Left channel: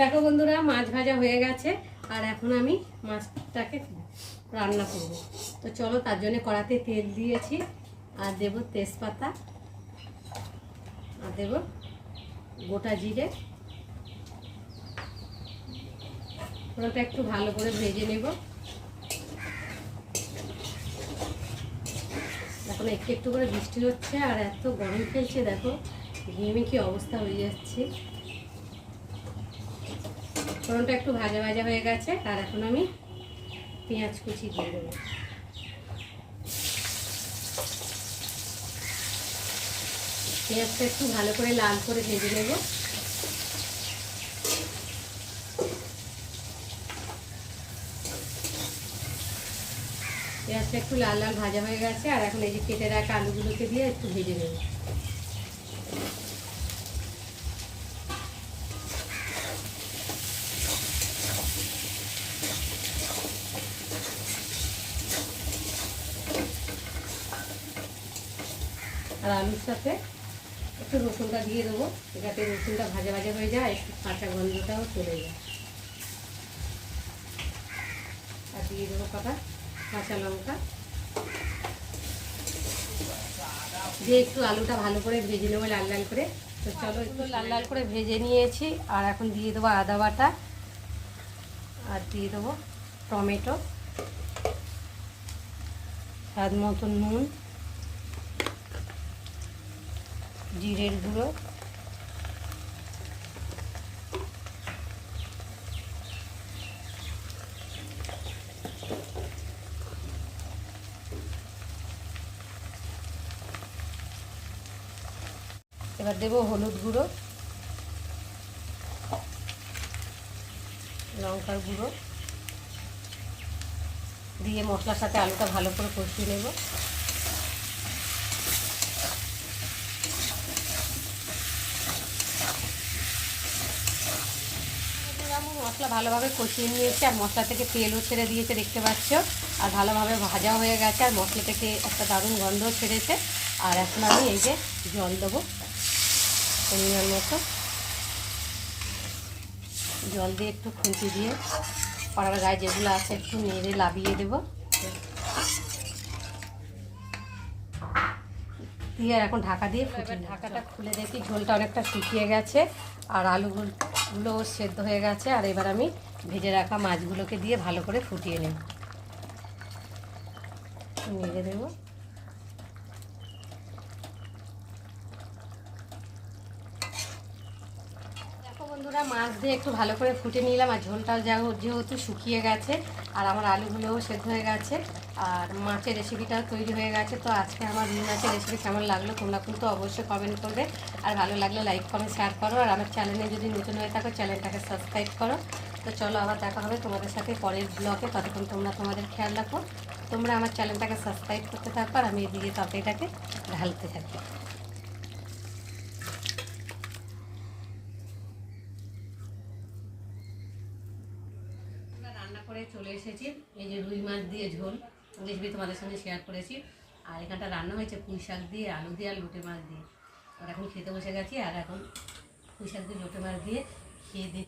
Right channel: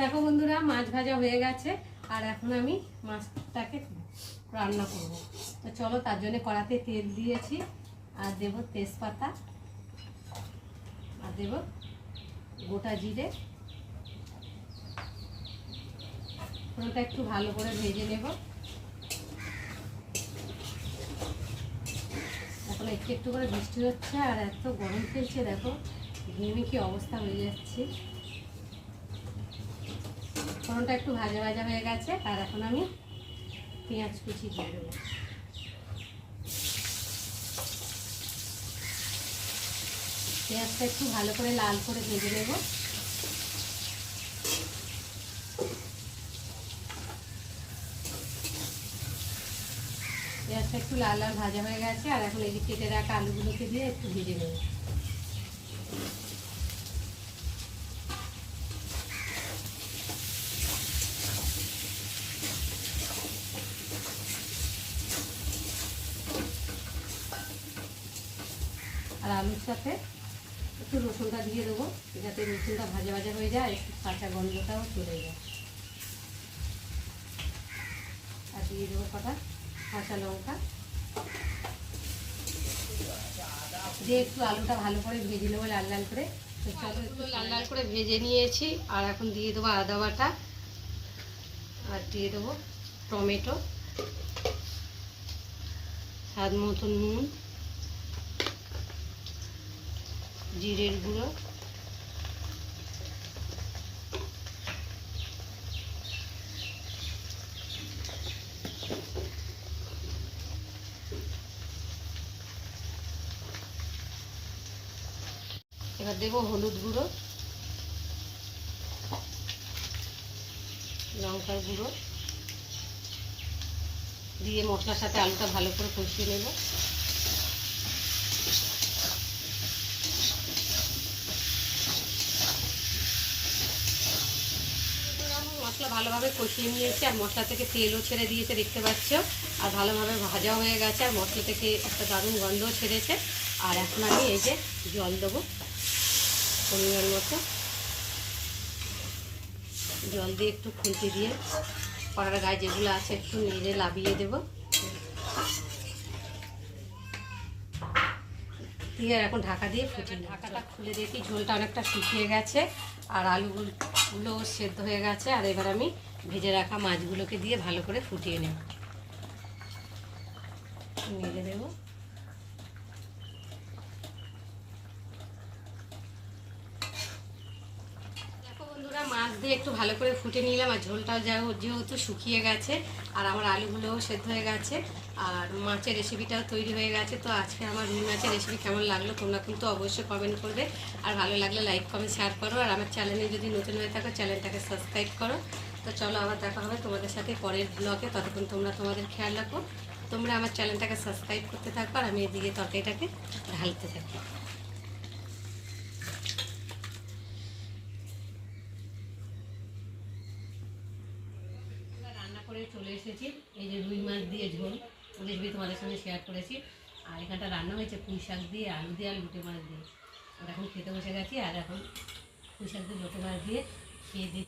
দেখো বন্ধুরা, মাছ ভাজা হয়ে গেছে আর এখন আমি মাছটাকে রান্না করব। তো চলো, তার জন্য কড়াতে তেল দিয়েছি আর দেব তেজপাতা আর দেব গোটা জিরে। ফোড়নটা একটু ভালো করে ভেজে নেব। এখন একটু একটু করে বৃষ্টি হচ্ছে আর এত গরম ফেলছে, দেখো ঘেমে কি অবস্থা হয়ে যাচ্ছে। ফোড়নটা একটু ভাজা ভাজা হয়ে গেছে আর এখন আমি পেঁয়াজ কুচি দিয়ে দেবো। পেঁয়াজটা একটু ভালো করে লাল করে ভেজে নেব। পেঁয়াজটা একটু লাল লাল ভাজা হয়ে গেছে আর এখন এই যে কেটে রাখা আলুগুলোকে দিয়ে একটু ভেজে নেব। আর আলুর সাথে একটু রসুনটা দিয়ে দেবো, যাতে রসুনটা ভাজা ভাজা হয়ে যায়, একটু কাঁচা গন্ধটাও চলে যায়। আর দিয়ে দেবো কটা কাঁচা লঙ্কা দিয়ে একটু আলুটা ভালো করে ভেজে নেবো লাল লাল করে। তো চলো, একটু লাল লাল করে ভেজে নিয়েছি আর এখন দিয়ে দেবো আদা বাটা আর দিয়ে দেবো টমেটো, স্বাদ মতন নুন, জিরের গুঁড়ো, এবার দেবো হলুদ গুঁড়ো, লঙ্কার গুঁড়ো দিয়ে মশলার সাথে আলুটা ভালো করে কষিয়ে নেব। মশলা ভালোভাবে কষিয়ে নিয়েছি আর মশলা থেকে তেলও ছেড়ে দিয়েছে, দেখতে পাচ্ছ। আর ভালোভাবে ভাজা হয়ে গেছে আর মশলা থেকে একটা দারুণ গন্ধও ছেড়েছে। আর এখন আমি এই যে জল দেবো পরিমাণ মতো। জল দিয়ে একটু খুঁটি দিয়ে কড়ার গায়ে যেগুলো আছে একটু নেড়ে লাবিয়ে দেবো দিয়ে আর এখন ঢাকা দিয়ে ফুটিয়ে। ঢাকাটা খুলে দেখি ঝোলটা অনেকটা শুকিয়ে গেছে আর আলুগুলো সেদ্ধ হয়ে গেছে। আর এবার আমি ভেজে রাখা মাছগুলোকে দিয়ে ভালো করে ফুটিয়ে নেব, নেড়ে দেবো। বন্ধুরা, মাছ দিয়ে একটু ভালো করে ফুটে নিলাম আর ঝোলটাও যেহেতু শুকিয়ে গেছে আর আমার আলুগুলোও সেদ্ধ হয়ে গেছে আর মাছের রেসিপিটাও তৈরি হয়ে গেছে। তো আজকে আমার রুই মাছের রেসিপি কেমন লাগলো তোমরা কিন্তু অবশ্যই কমেন্ট করবে আর ভালো লাগলে লাইক কমেন্ট শেয়ার করো। আর আমার চ্যানেলে যদি নতুন হয়ে থাকো চ্যানেলটাকে সাবস্ক্রাইব করো। তো চলো, আবার দেখা হবে তোমাদের সাথে পরের ব্লগে। ততক্ষণ তোমরা তোমাদের খেয়াল রাখো। তোমরা আমার চ্যানেলটাকে সাবস্ক্রাইব করতে থাকো আর আমি এদিকে তরকারিটাকে ঢালতে থাকি। করে চলে এসেছি, এই যে রুই মাছ দিয়ে ঝোল রেসিপি তোমাদের সঙ্গে শেয়ার করেছি। আর এখানটা রান্না হয়েছে পুঁই শাক দিয়ে, আলু দিয়ে আর লোটে মাছ দিয়ে। আর এখন খেতে বসে গেছি আর এখন পুঁই শাক দিয়ে লোটে মাছ দিয়ে খেয়ে দিই।